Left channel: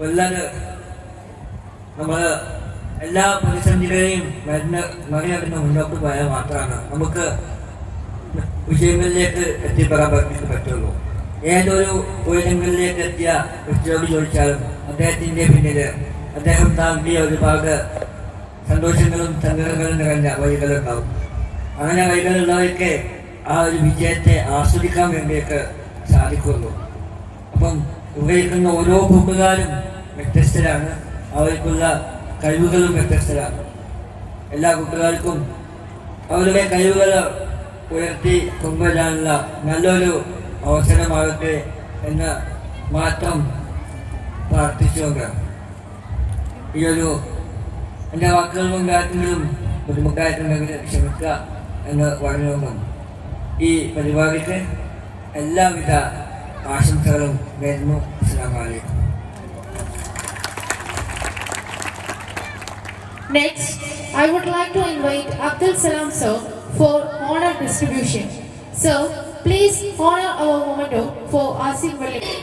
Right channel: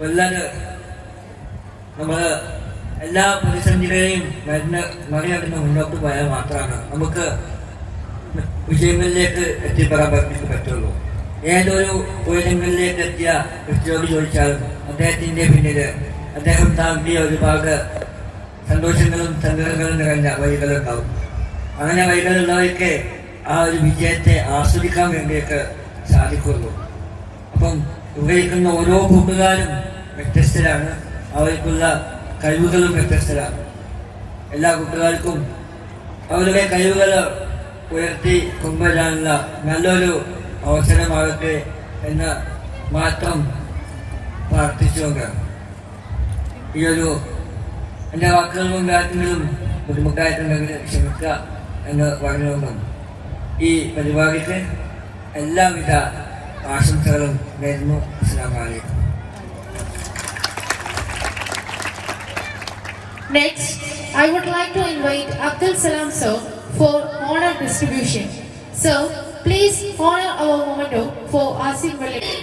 നല്ലൊരു നമ്മൾ എല്ലാ പ്രതിസന്ധികളെയും മറികടന്ന് മുന്നോട്ട് പോയാൽ മാത്രമാണ് നമുക്ക് വിജയങ്ങളിലേക്ക് എത്തിപ്പെടാൻ പറ്റുള്ളൂ. ഏതൊരു ഉയരങ്ങളിലേക്ക് എത്തിയ ഉദ്യോഗി ചോദിച്ചാലും അദ്ദേഹത്തിന്റെ പിന്നിൽ അദ്ദേഹം താണ്ടിയ ഒരുപാട് സന്തോഷങ്ങളും സങ്കടങ്ങളും നിറഞ്ഞ വഴികളുണ്ടാവും. അങ്ങനെ വഴികളുള്ളവർക്ക് ആ ഒരു വിജയത്തെ ആസ്വദിക്കാൻ വേണ്ടിയൊക്കെ സാധിക്കുള്ളൂ. അപ്പം ഉപയോഗിക്കുന്ന ഓരോ കൂട്ടുകാരും വ്യത്യസ്തരാണ്, അവർക്കുള്ള കഴിവുകളും വ്യത്യസ്തരാണ്. എല്ലാ കൂട്ടുകാർക്കും അവരുടെ കഴിവുകൾ ഉയർത്തി കൊണ്ടുവരാനുള്ള നല്ലൊരു അവസരമാകട്ടെ എന്ന് മാത്രം പ്രാർത്ഥിച്ചുകൊണ്ട് ഈയൊരു എൻ്റെ വാക്കുകളും കാര്യങ്ങളും ബുദ്ധിമുട്ടായിട്ടുണ്ടെങ്കിൽ ക്ഷമിക്കുക എന്ന് പറഞ്ഞുകൊണ്ടും ഈ പരിപാടിക്ക് എല്ലാവിധ ആശംസകളും നേരുന്നു. അസ്സലാമു അലൈക്കും. Next, I would like to invite Abdul Salam sir for honor distribution. Sir, please honor our memento for Asif Wali.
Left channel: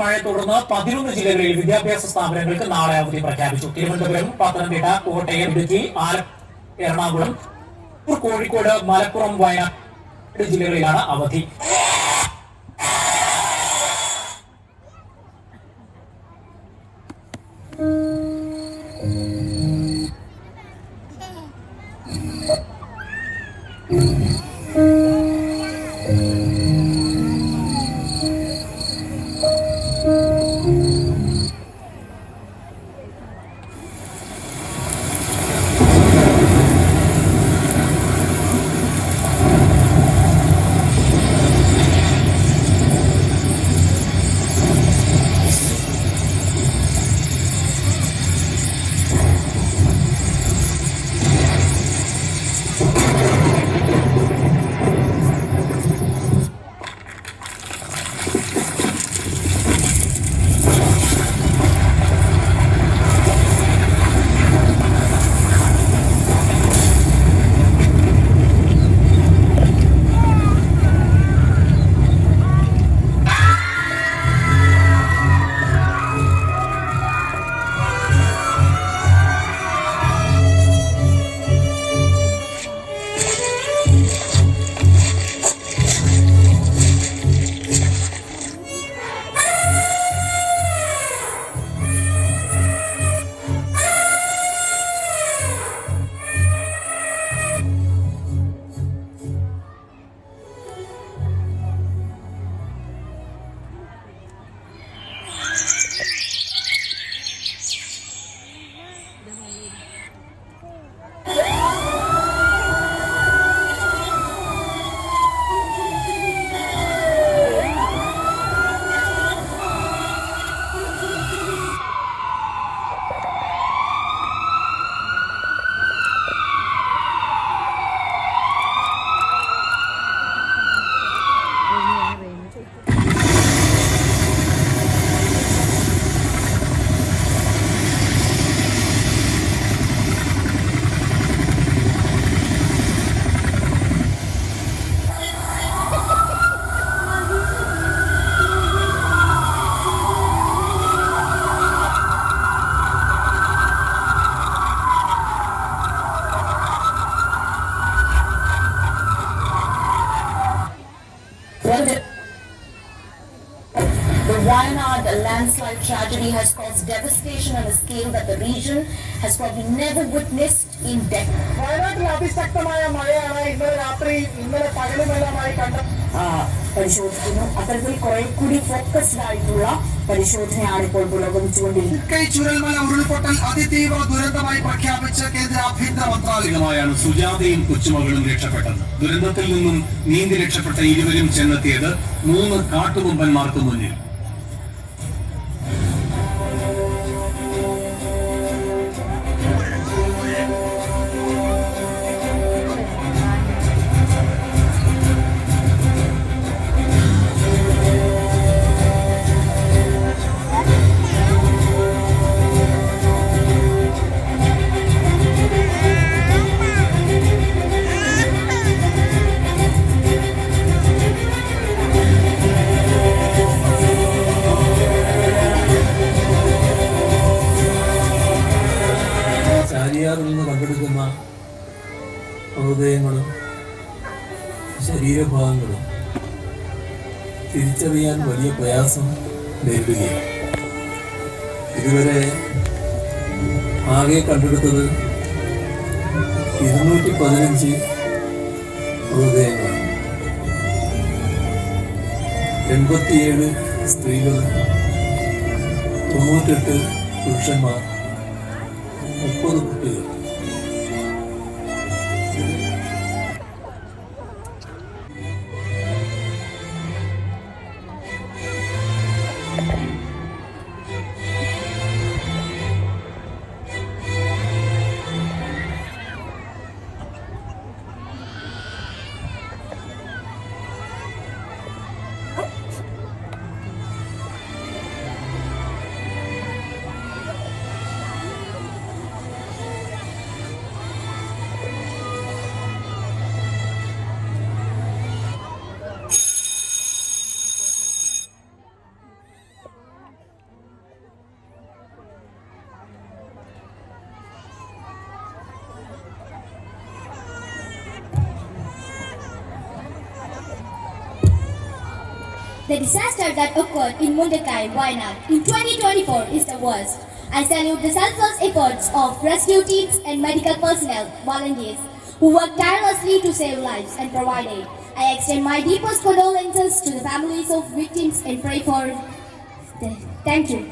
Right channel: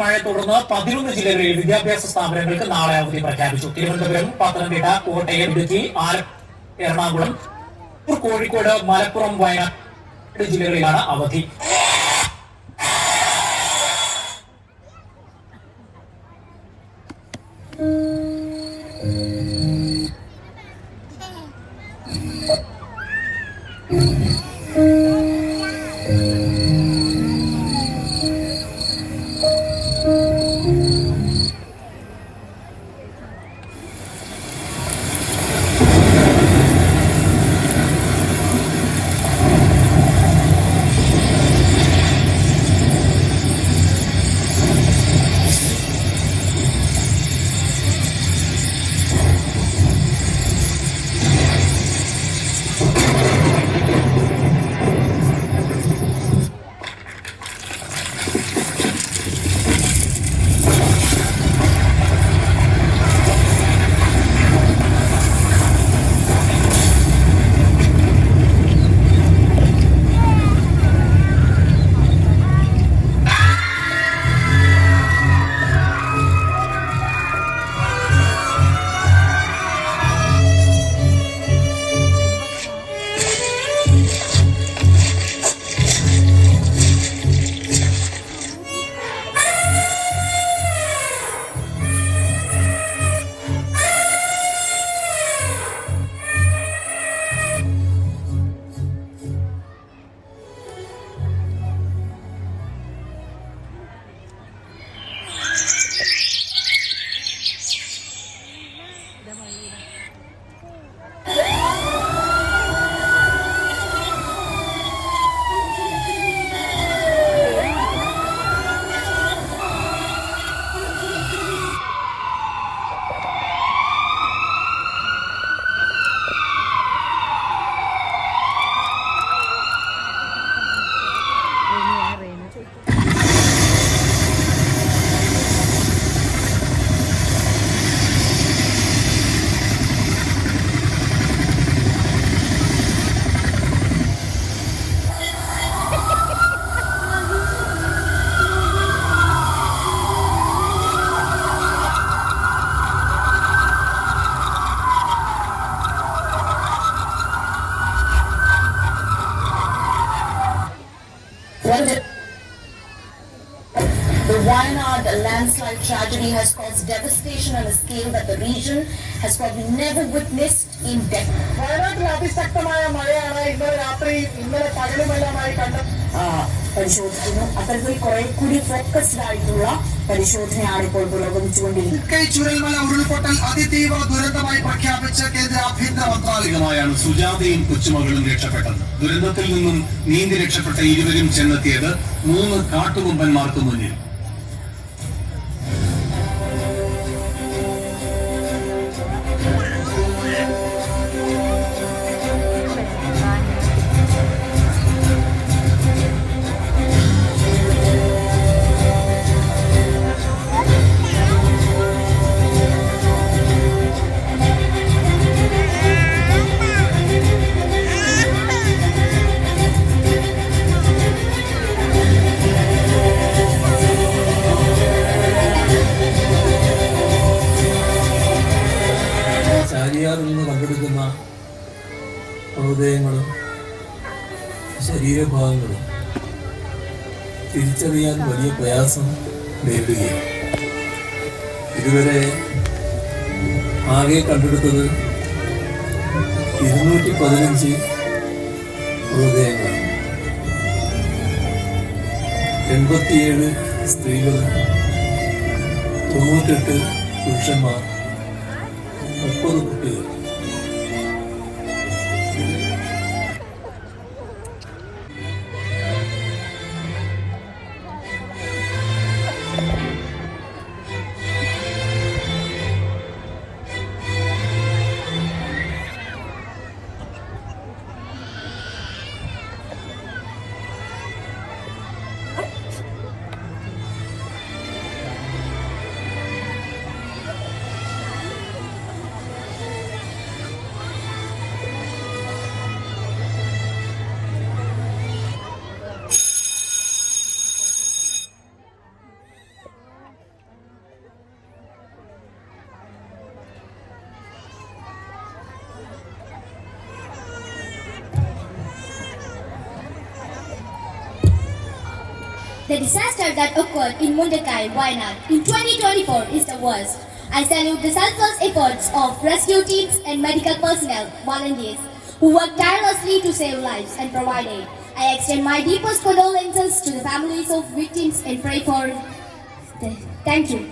മഴയെ തുടർന്ന് 11 ജില്ലകളിൽ വിദ്യാഭ്യാസ സ്ഥാപനങ്ങൾക്ക് നാളെ അവധി പ്രഖ്യാപിച്ചു. തിരുവനന്തപുരം, പത്തനംതിട്ട, കോട്ടയം, ഇടുക്കി, എറണാകുളം, കോഴിക്കോട്, മലപ്പുറം, വയനാട് ജില്ലകളിലാണ് അവധി. life tragedy has caused devastation on a scale that the region has probably never witnessed in decades. വയനാട്ടിൽ അതിശക്തമായ മഴയാണ് ഇന്നലെ രാത്രിയും ഇന്നലെ പകലുമെല്ലാമായി പരിശോധിക്കുന്നു. അത്തരത്തിൽ കുറെ കൂടി ഫോക്കസ്ഡ് ആയിട്ടുള്ള പരിശോധനയാണ് ഇപ്പോൾ പുരോഗമിച്ചുകൊണ്ടിരിക്കുന്നത്. ചുഴൽമല ഉരുൾപൊട്ടൽ അതിതീവ്ര ദുരന്തമായി പ്രഖ്യാപിച്ച കേന്ദ്ര ആഭ്യന്തര മന്ത്രാലയമായാണ് സുജാതയും കൊച്ചുമകളും രക്ഷപ്പെട്ടത്. ദുരന്തത്തിൽ നിന്നും നീന്തി രക്ഷപ്പെട്ട ഇരുവരും ചെന്നെത്തിയത് 3 കാട്ടുകൊമ്പന്മാർക്ക് മുന്നിൽ. ചാലിയാറിൽ നിന്ന് കണ്ടെടുക്കുന്ന മൃതദേഹങ്ങളും ശരീരഭാഗങ്ങളും തിരിച്ചറിയാൻ വലിയ പ്രയാസം നേരിടുകയാണ്. ഇതുവരെ ആകെ കണ്ടെടുത്തത് 215 മൃതദേഹങ്ങളാണ്. 87 സ്ത്രീകളും 98 പുരുഷന്മാർ, 30 കുട്ടികൾ. The disaster that occurred in Mundakai, Wayanad in 2024 is the worst. I salute the selfless efforts of rescue teams and medical personnel, volunteers, who work tirelessly to save lives and provide aid. I extend my deepest condolences to the families of victims and pray for... Thank you.